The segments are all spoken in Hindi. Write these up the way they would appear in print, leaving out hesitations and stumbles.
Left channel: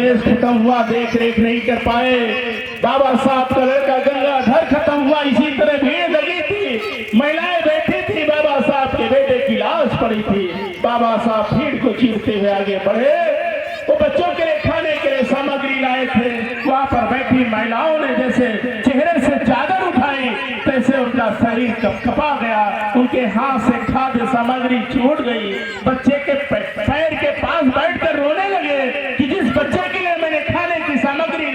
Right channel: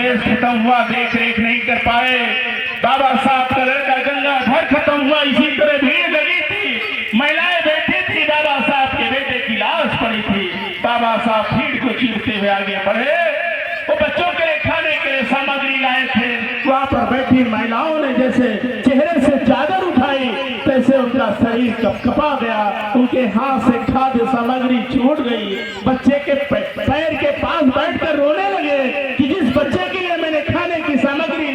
रमेश खत्म हुआ, देख रेख नहीं कर पाए। बाबा साहब का लड़का गंगाधर खत्म हुआ, इसी तरह भीड़ लगी थी, महिलाएं बैठी थी, बाबा साहब के बेटे की लाश पड़ी थी। बाबा साहब भीड़ को चीरते हुए आगे बढ़े। वो बच्चों के लिए खाने के लिए सामग्री लाए थे। वहां पर बैठी महिलाओं ने जैसे चेहरे से चादर उठाई, तैसे उनका शरीर कपकपा गया, उनके हाथ से खाद्य सामग्री छूट गई। बच्चे के पैर के पास बैठकर रोने लगे कि जिस बच्चे के लिए मैंने खाने की सामग्री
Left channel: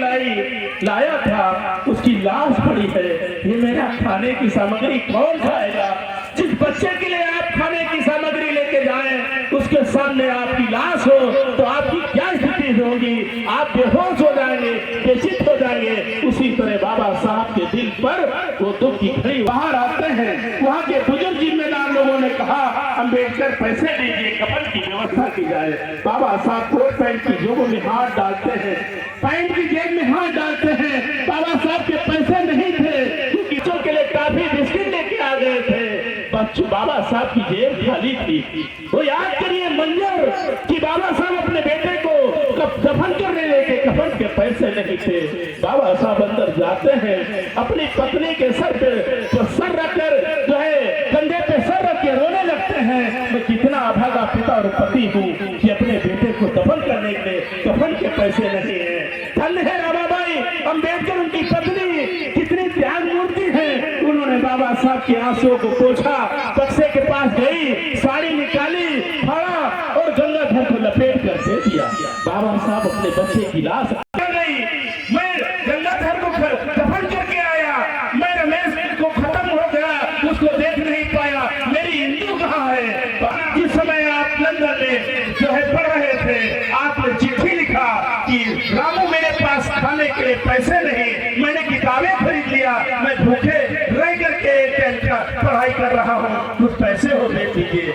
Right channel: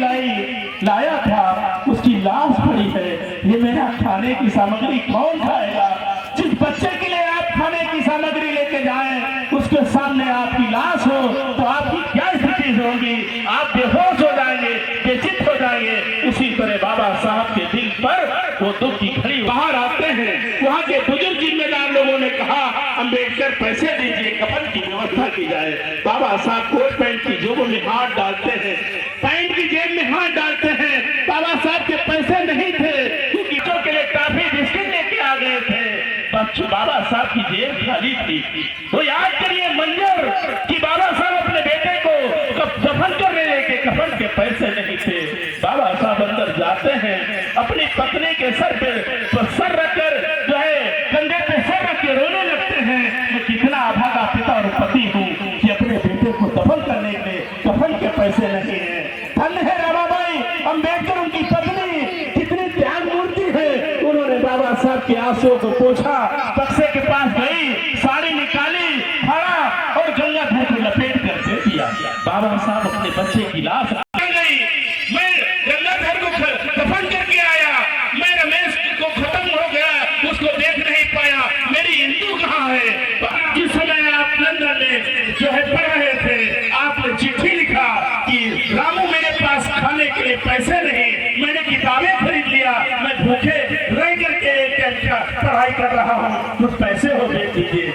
लाया था उसकी लाश पड़ी है, ये मेरा खाने की सामग्री कौन खाएगा? जिस बच्चे के लिए आप खाने की सामग्री लेके जाएं, उसके सामने आपकी लाश हो तो आपकी क्या स्थिति होगी? आप बेहोश हो जाएंगे, बेचित हो जाएंगे। उसी तरह बाबा साहब के दिल पर वो दुख की घड़ी बाहर आते हैं। वहाँ के बुजुर्ग जिम्मेदार लोगों ने कहा, अम्बेडकर पैसे दीजिए, कफन की व्यवस्था की जाए। बाबा साहब कोट पैंट की जेबों में हाथ डालते हैं, पैंट की जेब में हाथ डालते हैं। बाबा साहब के पैसे नहीं थे, क्योंकि बच्चों के लिए टॉफी बिस्किट लेके आ गए थे। बच्चों बाबा साहब की जेब खाली थी। तो याद करिए मंजर कि बाबा साहब अपने बेटे को दफन करने लेके कफन के पैसे नहीं थे। बाबा साहब अंदर जाते हैं, अपनी पत्नी के सर पे सर रखकर जो है कंधे पे सर रख के रोने लगते हैं। मैं कितना अभागा पिता और पति हूँ कि अपने बेटे को दफन करने के लिए कफन के पैसे नहीं है। धन्य है रमाबाई अम्बेडकर, उनकी पत्नी कितनी त्याग मूर्ति है। उन्होंने बाबा साहब के आंसुओं को पोंछा, बक्से के पास गई, साड़ी निकाली, फाड़ा और गंगाधर को लपेट कर दे दिया। बाबा साहब अपने बच्चे की लाश गई, मैं गंगाधर को दफन करके आया, मैं रमेश को खत्म हो गया, उसको देख नहीं पाया, मेरी हिंदू कहाँ है? जिस समय आप लंदन में जो है पढ़ रहे थे, आपने चिट्ठी लिखा कि रामू मेरे पास खाने के लिए पैसे नहीं, मैंने किताबें खरीद लिया, मैं भूखे रह करके पढ़ाई कर रहा हूँ, कुछ पैसे हो दे दीजिए।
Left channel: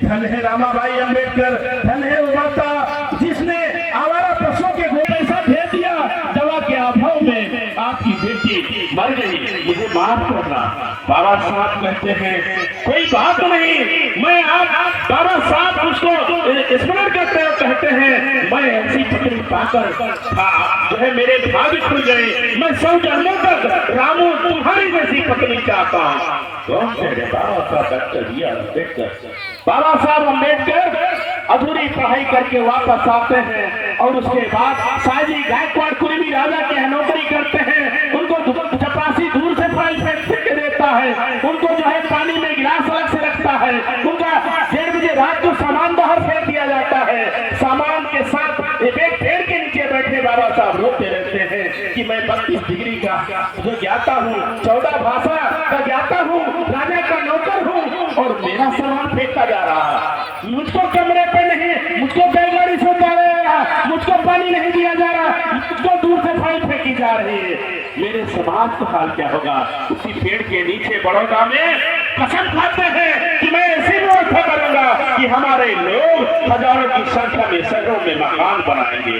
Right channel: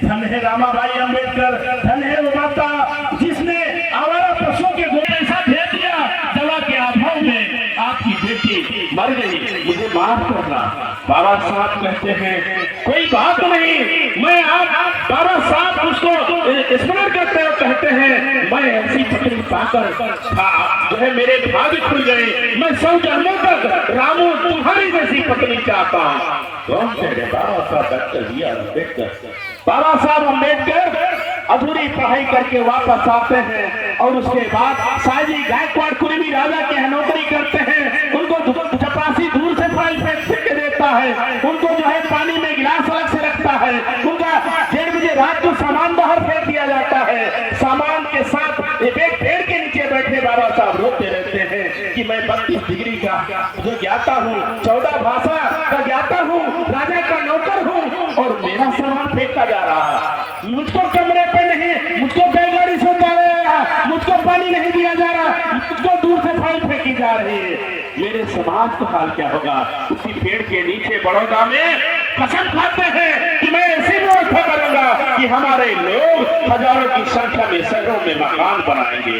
धन है रामाबाई अम्बेडकर, धन है वो माता जिसने आवारा पशुओं के गोद ऐसा भेज दिया, दवा के अभाव में आपकी बेटी मर गई, मुझे माफ करना। बाबा साहब कहते हैं कोई बात नहीं, मैं आप बाबा साहब उसको स्मरण करते हैं, कहते हैं मैं ऐसी पत्नी पाकर जो है मेरे भाग्य खुल गए, मैं 100 जन्मों तक रामू तुम्हारी जैसी पत्नी चाहता हूँ। बाबा साहब अम्बेडकर अधूरी पढ़ाई करके वापस आते हैं और उसके बाद शायद गायकवाड़ कुर्मी राजा के नौकरी करते हैं। उनको चपरासी दूर से पानी फेंक के देता है, उनको जो है पानी में गिलास अलग से रखता है, उनका 1:30 बजे रात को सामान बाहर फेंक दिया जाता है। सामान के साथ एक पेड़ के नीचे बैठे बाबा साहब रोते रहते हैं कि मैं 32 डिग्री का जो ज्ञाता हूँ, 14 भाषा का ज्ञाता हूँ, राजा का नौकर हूँ और मेरा सामान फेंका जा रहा है। मुझको कमरे पे नहीं, मुझको बैलगाड़ी से उतारा जा रहा, मुझको पानी नहीं दिया जा रहा, मुझको दूर से फाइल फेंकी जा रही है। मेरे समाज का हाल क्या होगा? उसी पेड़ के नीचे बड़ौदा में कसम खाते हैं कि मैं ऐसी व्यवस्था करूंगा कि हमारे लोग हजारों की संख्या में शहरों में मकान बनाएंगे।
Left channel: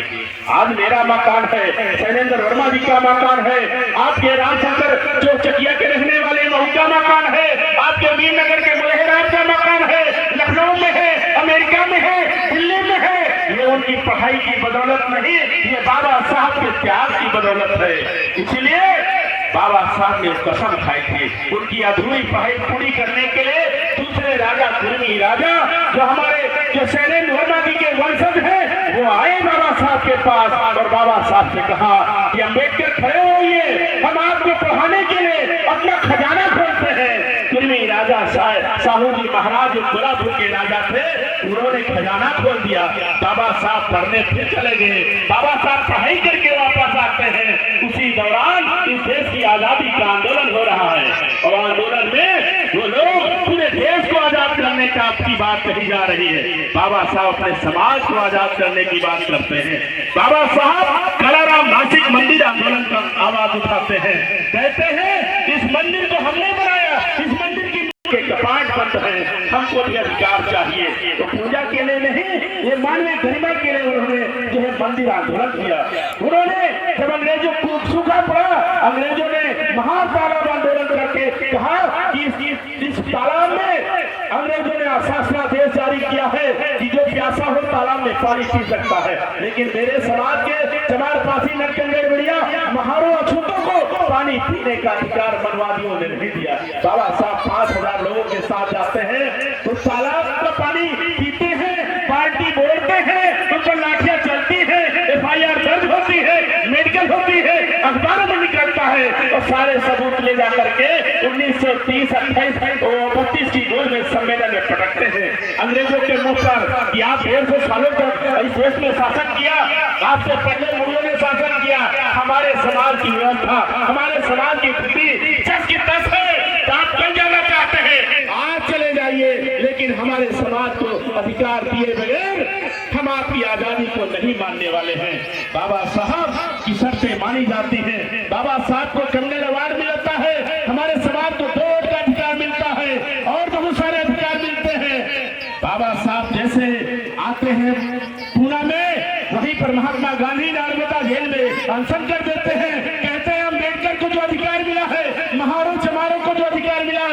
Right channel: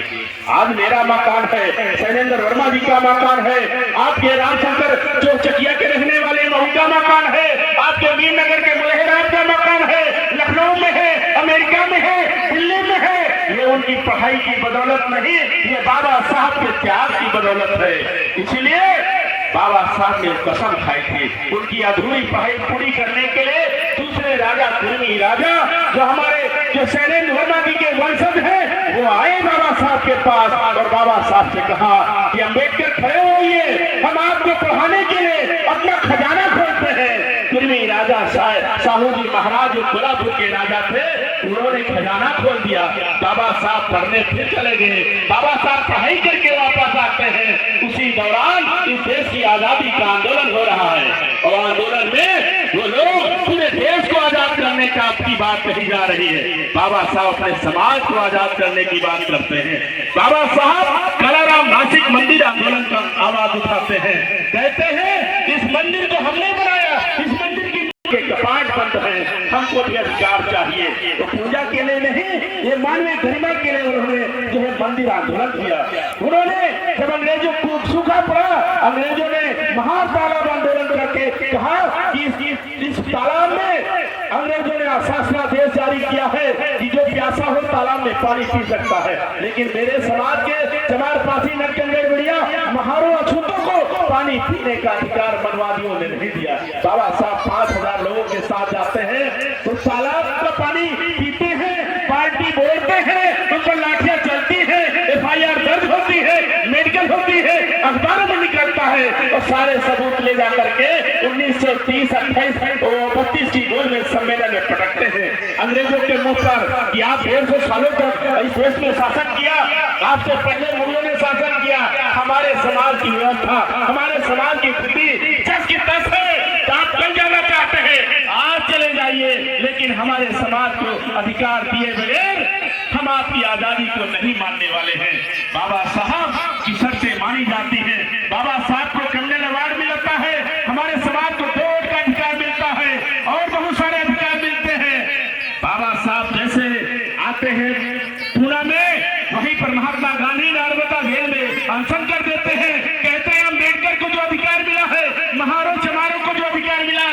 आज मेरा मकान है, शैलेंद्र वर्मा जी का मकान है, आपके रामशंकर जो चकिया के रहने वाले महू का मकान है, आपके वीरनगर के मलहराज का मकान है, लखनऊ में है, अमेरिका में है, दिल्ली में है। ये उनकी पढ़ाई की बदौलत नहीं, ये बाबा साहब के त्याग की बदौलत है। इसलिए बाबा साहब ने कसम खाई थी उनकी अधूरी पढ़ाई पूरी करने के लिए। दूसरे राजा कुर्मी राजा जो हमारे जो शैलेंद्र वर्मा जी के वंशज हैं, वो आए बाबा साहब के पास और बाबा साहब से कहा कि अम्बेडकर खड़े होइए, हम आपको पढ़ाने के लिए अपना खजाना खोलते हैं। कुर्मी राजा साहू जी महाराज जो कोल्हापुर के राजा थे, उन्होंने खजाना खोल दिया। बाबा साहब पढ़ने फिर चले गए। बाबा साहब पढ़ाई करके वापस आते हैं। उसी दौरान इस देश की आजादी का आंदोलन हो रहा है और आंदोलन में वो लोग पूरे देश को आजाद करने का आपकी बात कही जा रही है। बाबा साहब अपने समाज को आजाद करने की बात करते हैं। बाबा साहब कलाराम नासिक मंदिर आंदोलन का आवाज उठाते हैं, कहते हैं इस मंदिर को हमने बनाया, इस मंदिर की कपाट बंद है, हमको भी अधिकार चाहिए। तो पूजा के लिए नहीं, ये मानवीय गरिमा के लिए उन्होंने जो है मंदिर आंदोलन किया। उन्होंने जब अंग्रेजों को सूखा पड़ा, अंग्रेजों ने महातालाब आंदोलन करके कहा कि इस तालाब में अंग्रेजों ने शासनादेश जारी किया है कि जो प्यासा हो तालाब में पानी पी सकता है, लेकिन मेरे समाज के चमार पासी नरकंगड़ बढ़िया महारों अछूतों को पानी पीने का अधिकार मनवादियों ने नहीं दिया। बाबा साहब 5000 लोगों के साथ जाते हैं तो तालाब का पानी पीते हैं, पार्टी बोलते हैं, उन पर लाठियां चलती है, FIR दर्ज होती है, मेडिकल होती है, अखबारों में निकलता है और सारे सबूत ले जाकर के 1930-28-32 की गोल में सम्मेलन में पटकते हैं अंग्रेजों के मुंह पर कि आप 150 सालों तक इस देश में शासन किया, आपसे पहले मुगलों ने शासन किया, हमारे समाज की व्यवस्था, हमारे समाज की स्थिति 10 की 10 है, तो आप कल जाना चाहते हैं आज चले जाइए, लेकिन हमारे समाज को अधिकार दिए बगैर हम आपकी आजादी को नहीं मानने वाले हैं। बाबा साहब की शर्तें मानी जाती हैं, बाबा साहब को कन्या अवार्ड मिलता है, हमारे समाज को वोट का अधिकार मिलता है और बहुत सारे अधिकार मिलते हैं। बाबा साहब जैसे आते हैं पूना में, वहीं पर महात्मा गांधी नर्मदा झील में अनशन कर देते हैं, कहते हैं अम्बेडकर को जो अधिकार मिला है, महारों चमारों को जो अधिकार मिला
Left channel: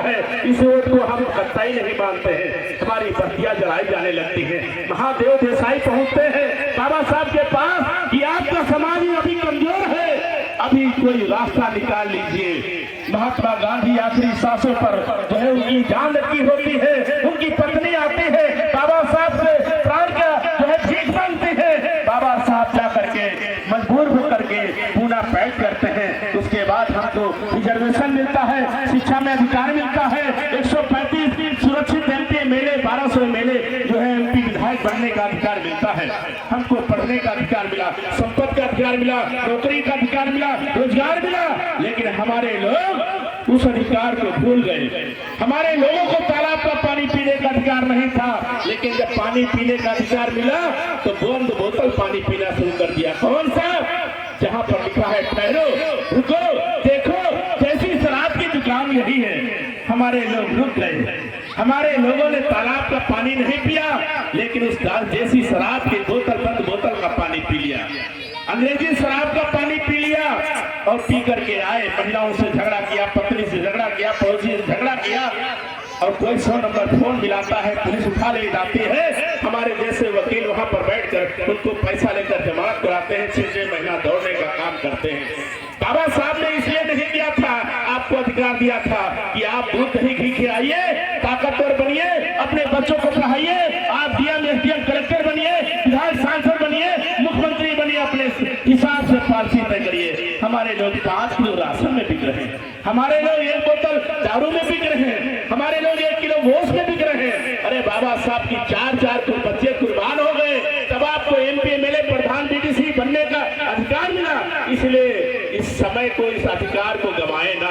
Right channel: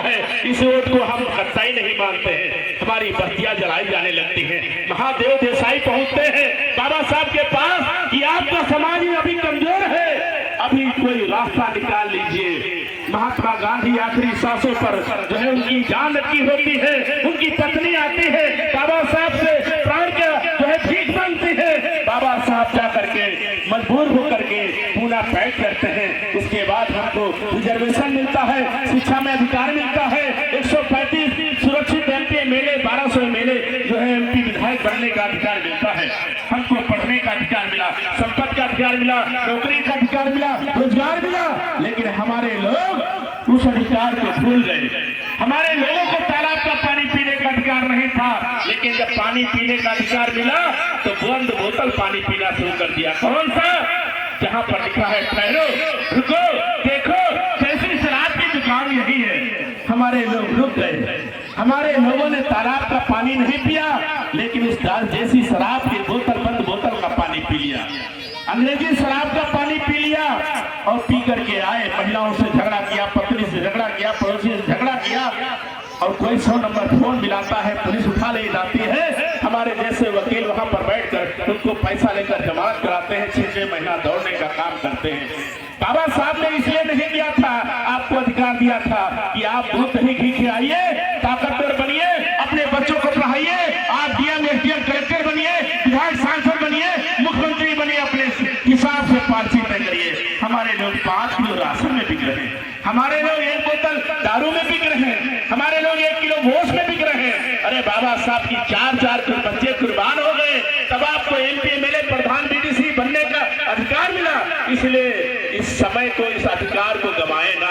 है, इस वोट को हम कतई नहीं मानते हैं। हमारी बत्तियां जलाई जाने लगती हैं। महादेव देसाई पहुंचते हैं बाबा साहब के पास कि आपका समाज अभी कमजोर है, अभी कोई रास्ता निकाल लीजिए। महात्मा गांधी आखिरी सांसों पर जो है उनकी जान लगी होती है, उनकी पत्नी आती है, बाबा साहब से प्राण का जो है भीख मांगती है। बाबा साहब जा करके मजबूर होकर के पूना पैक करते हैं। उसके बाद हमको रिजर्वेशन मिलता है, शिक्षा में अधिकार मिलता है, 135 सुरक्षित MP MLA 1200 MLA जो है MP विधायक बनने का अधिकार मिलता है, हमको पढ़ने का अधिकार मिला, संपत्ति का अधिकार मिला, नौकरी का अधिकार मिला, रोजगार मिला, लेकिन हमारे लोग उस अधिकार को भूल गए। हमारे लोगों को तालाब का पानी पीने का अधिकार नहीं था, लेकिन जब पानी पीने का अधिकार मिला तो बंद बोतल पानी पीना शुरू कर दिया। कौन सा? जहाँ पर लिखा है ठहरो, रुको, देखो, कैसी शराब की दुकान यही है। हमारे लोग रुक गए, हमारे लोगों ने तालाब का पानी नहीं पिया, लेकिन उस दाल जैसी शराब की बोतल, बंद बोतल का पानी पी लिया, अंग्रेजी शराब का पानी पी लिया और पी करके आए, महिलाओं से झगड़ा किया, पत्नी से झगड़ा किया, पड़ोसी से झगड़ा किया और कोई 100 नंबर फोन मिलाता है, पुलिस उठा ले जाती है। हमारे जैसे वकील वहां पर बैठकर उनको पैसा लेकर जमानत कराते हैं, 6 महीना दौड़ने का काम करते हैं। बाबा साहब ने इसलिए नहीं किया था, आपको अधिकार दिया था कि आप दूध दही घी खिलाइए, ताकतवर बनिए, अपने बच्चों को पढ़ाइए, आप DM SDM कलेक्टर बनिए, विधायक सांसद बनिए, मुख्यमंत्री बनिए, अपने हिसाब से पॉलिसी तय करिए। हमारे लोग 5 किलो राशन में बिक रहे हैं, हमारे लोग 1 बोतल दारू में बिक रहे हैं, हमारे लोग 1 किलो गोश्त में बिक रहे हैं। अरे बाबा साहब की 4 बच्चे कुर्बान हो गए, तब आपको MP MLA प्रधान BDC बनने का अधिकार मिला। इसलिए इस समय को, इस अधिकार को गवाए ना।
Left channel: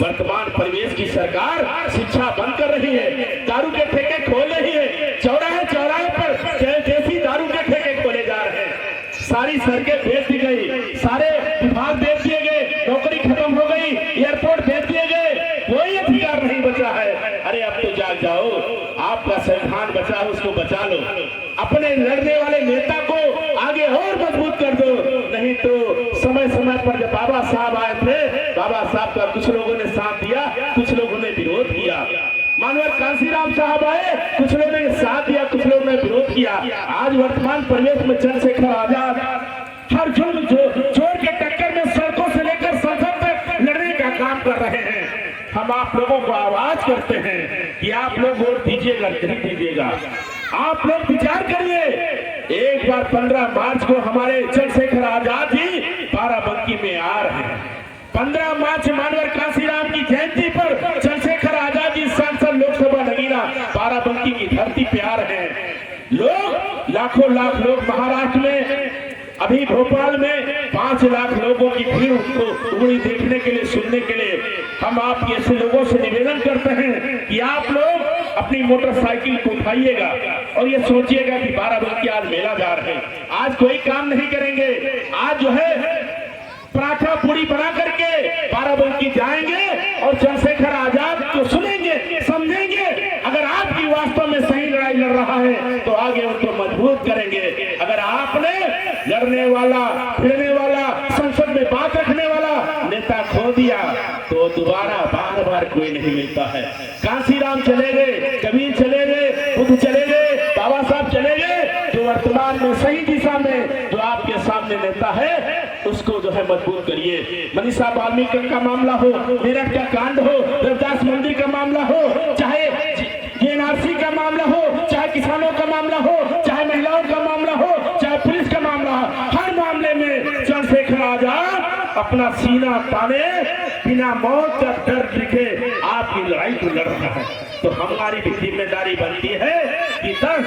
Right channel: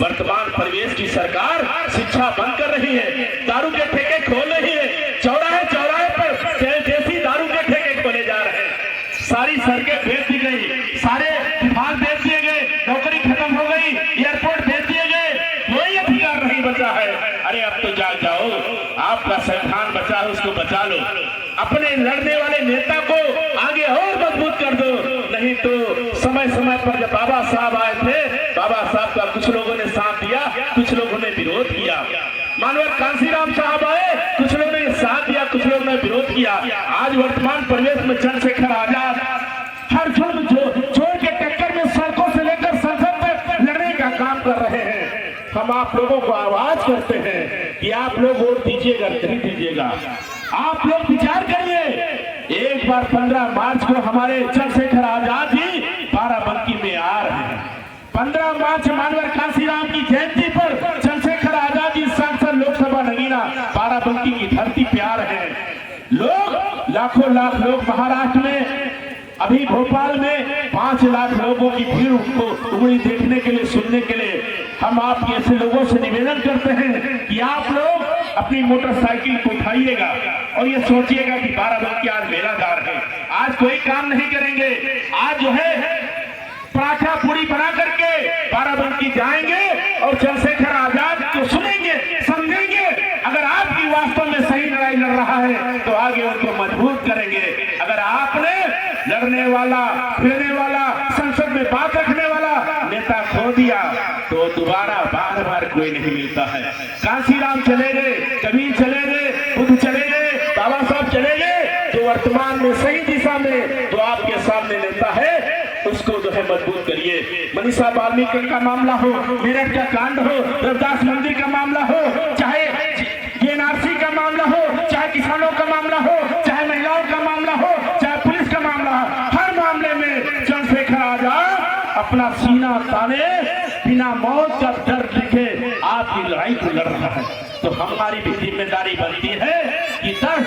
वर्तमान परिवेश की सरकार शिक्षा बंद कर रही है, दारू के ठेके खोल रही है, चौराहे पर देसी दारू के ठेके खोले जा रहे हैं, सारी सड़कें बेच दी गई, सारे विभाग बेच दिए गए, नौकरी खत्म हो गई, एयरपोर्ट बेच दिए गए, कोई अधिकार नहीं बचा है। अरे अब तो जाओ, आपका संविधान बचा है, उसको बचा लो, अपने लड़ने वाले नेता को आगे और मजबूत कर दो। नहीं तो समय पर जब बाबा साहब आए थे, बाबा साहब का कुछ लोगों ने साथ दिया, कुछ लोगों ने विरोध किया। मानव कांसीराम साहब आए, कुछ लोगों ने साथ दिया, कुछ लोगों ने विरोध किया। आज वर्तमान परिवेश में चंद्रशेखर आजाद हर जोड़ के टक्कर में सड़कों से लेकर संसद तक लड़ने का काम कर रहे हैं। हम आप लोगों को आवाज करते हैं कि आप लोग वोट दीजिएगा नहीं दीजिएगा, आप लोग विचार करिए। एक बार 15 मार्च को हमारे चंद्रशेखर आजाद जी बाराबंकी में आ रहे हैं। 15 मार्च मानवर कांसीराम की जयंती पर चंद्रशेखर आजाद जी सांसद लोकसभा नगीना बाराबंकी की धरती पे आ रहे हैं। लोग लाखों लाख लोग महाराष्ट्र में, अभी भोपाल में 5 लाख लोगों की भीड़ उनको उंगली देखने के लिए, सुनने के लिए। हम आप ऐसे लोगों से निवेदन करते हैं कि आप लोग अपनी मोटरसाइकिल को उठाइएगा और ये सोचिएगा कि बाराबंकी आज मेला जा रहे हैं, आज कोई काम नहीं करेंगे, आज जो है पराठा पूरी बना करके बाराबंकी जाएंगे और चंद्रशेखर आजाद को सुनेंगे, समझेंगे। अगर आपकी वास्तव में सही लड़ाई लड़ रहा है तो आगे उनको मजबूत करेंगे। अगर आपने लड़ने वाला, फिरने वाला, संसद में बात रखने वाला नेता खो दिया तो दोबारा बार कोई नहीं मिलता है। कांसीराम चले गए, कबीर चले गए, बुद्ध चले गए, बाबा साहब जो वर्तमान में सही दिशा में जो आपके सामने नेता है उसको जो है मजबूत करिए। मनीषा वाल्मीकि का मामला हो, मेरठ का कांड हो, रविदास मंदिर का मामला हो, चाहे एनआरसी का मामला हो, चाहे किसानों का मामला हो, चाहे महिलाओं का मामला हो, चाहे पुलिस का मामला हो, हर मामले में चंद्रशेखर आजाद अपना सीना ताने बिना मौत का डर दिखे आपकी लड़ाई को लड़ रहा है। तो हमारी भी जिम्मेदारी बनती है कि 10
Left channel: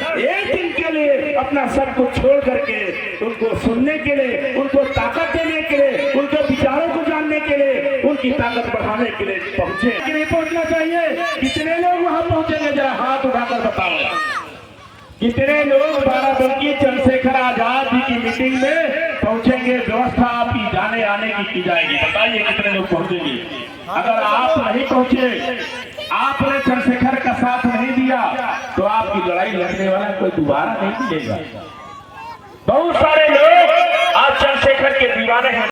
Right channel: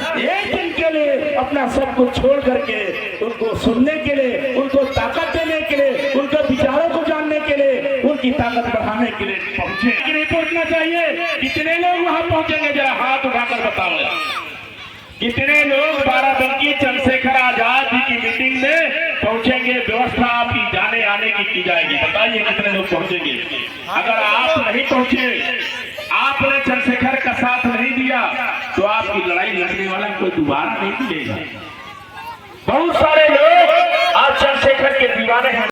दिन के लिए अपना सब कुछ छोड़ करके उनको सुनने के लिए, उनको ताकत देने के लिए, उनके विचारों को जानने के लिए, उनकी ताकत बढ़ाने के लिए पहुंचे। नहीं पहुंचना चाहिए। कितने लोग वहां पहुंचेंगे, जरा हाथ उठाकर बताओ। कितने लोग बाराबंकी चंद्रशेखर आजाद जी की मीटिंग में पहुंचेंगे? व्यवस्था आपकी जाने आने की जाएगी, बताइए कितने लोग पहुंचेंगे। अगर आप नहीं पहुंचे, आपने चंद्रशेखर का साथ नहीं दिया, तो आपकी लड़ाई लड़ने वाला कोई दोबारा नहीं मिलेगा। बहुत सारे लोग आज चंद्रशेखर के दीवाने हैं।